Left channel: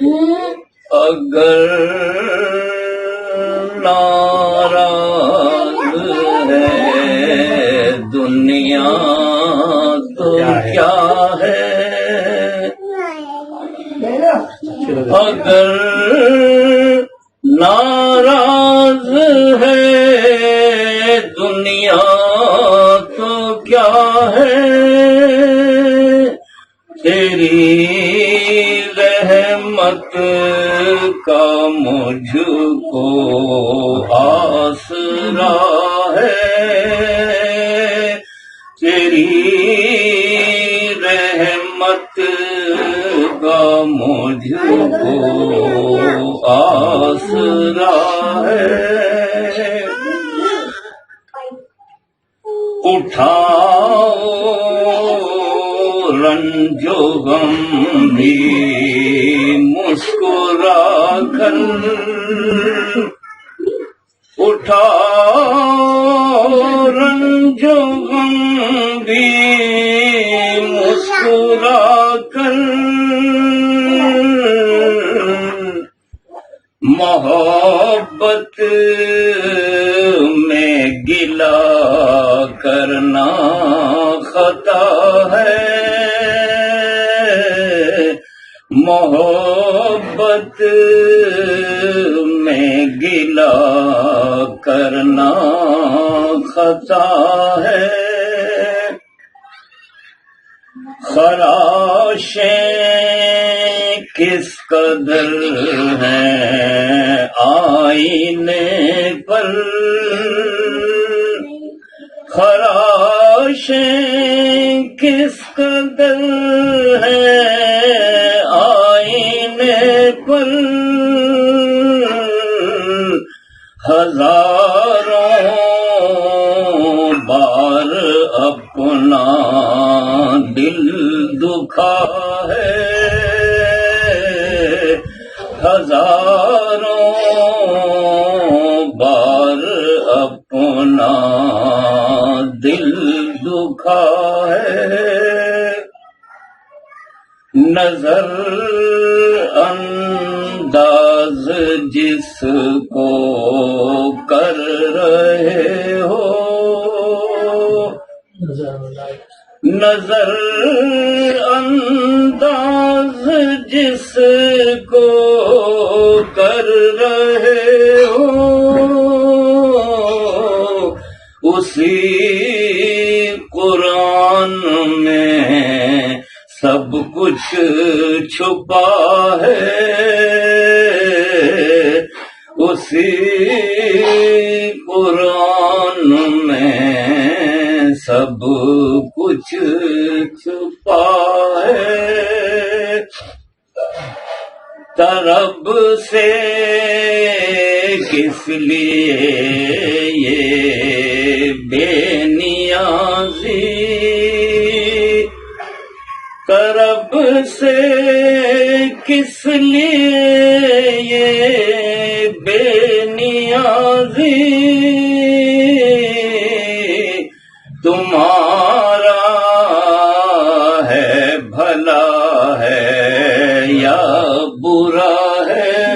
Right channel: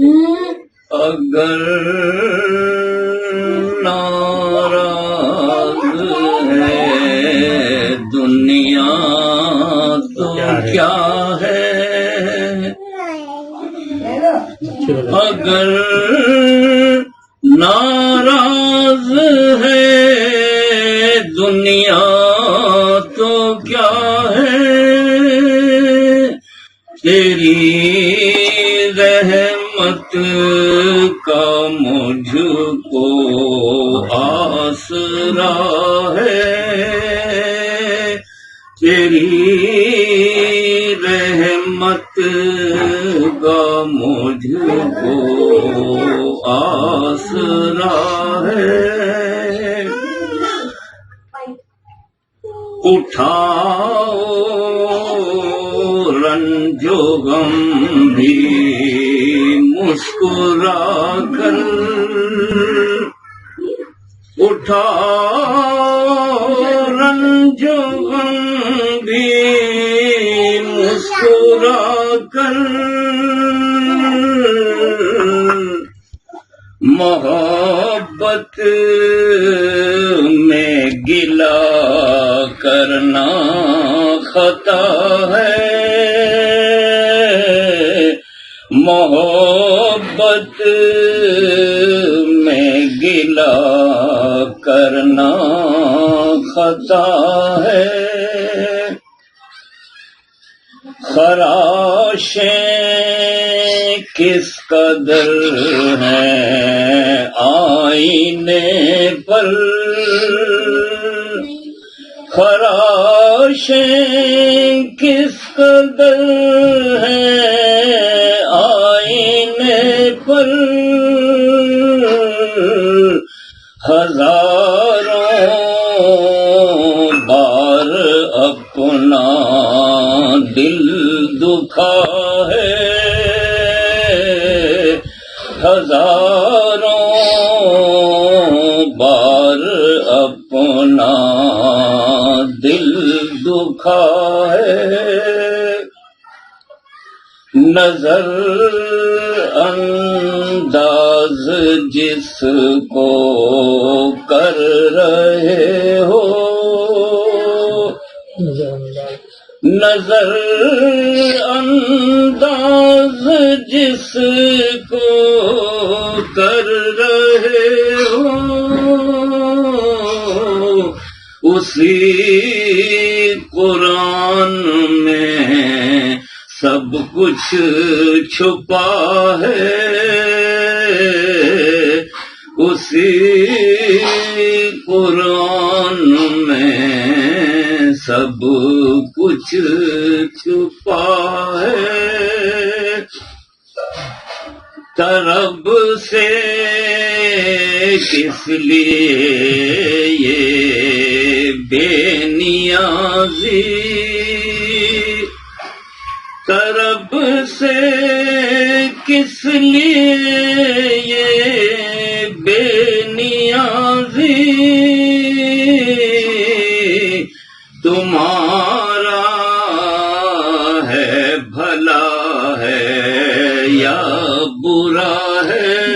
اگر ناراض ہے دنیا تو کیا ہے، اگر ناراض ہے دنیا تو کیا ہے، تیری رحمت کا مجھ کو آسرا ہے، تیری رحمت کا مجھ کو آسرا ہے، اٹھاؤ رنج و غم بھی مسکرا کر، اٹھاؤ رنج و غم بھی مسکرا کر، محبت میں گلہ کرنا خطا ہے، محبت میں گلہ کرنا خطا ہے، خراشیں کس قدر ہیں آئینے پر، خراشیں کس قدر ہیں آئینے پر، ہزاروں بار اپنا دل دکھا ہے، ہزاروں بار اپنا دل دکھا ہے، نظر انداز جس کو کر رہے ہو، نظر انداز جس کو کر رہے ہو، اسی قرآن میں سب کچھ چھپا ہے، اسی قرآن میں سب کچھ چھپا ہے، طرب سے کس لیے یہ بے نیازی، طرب سے کس لیے یہ بے نیازی، تمہارا ہے بھلا ہے یا برا ہے،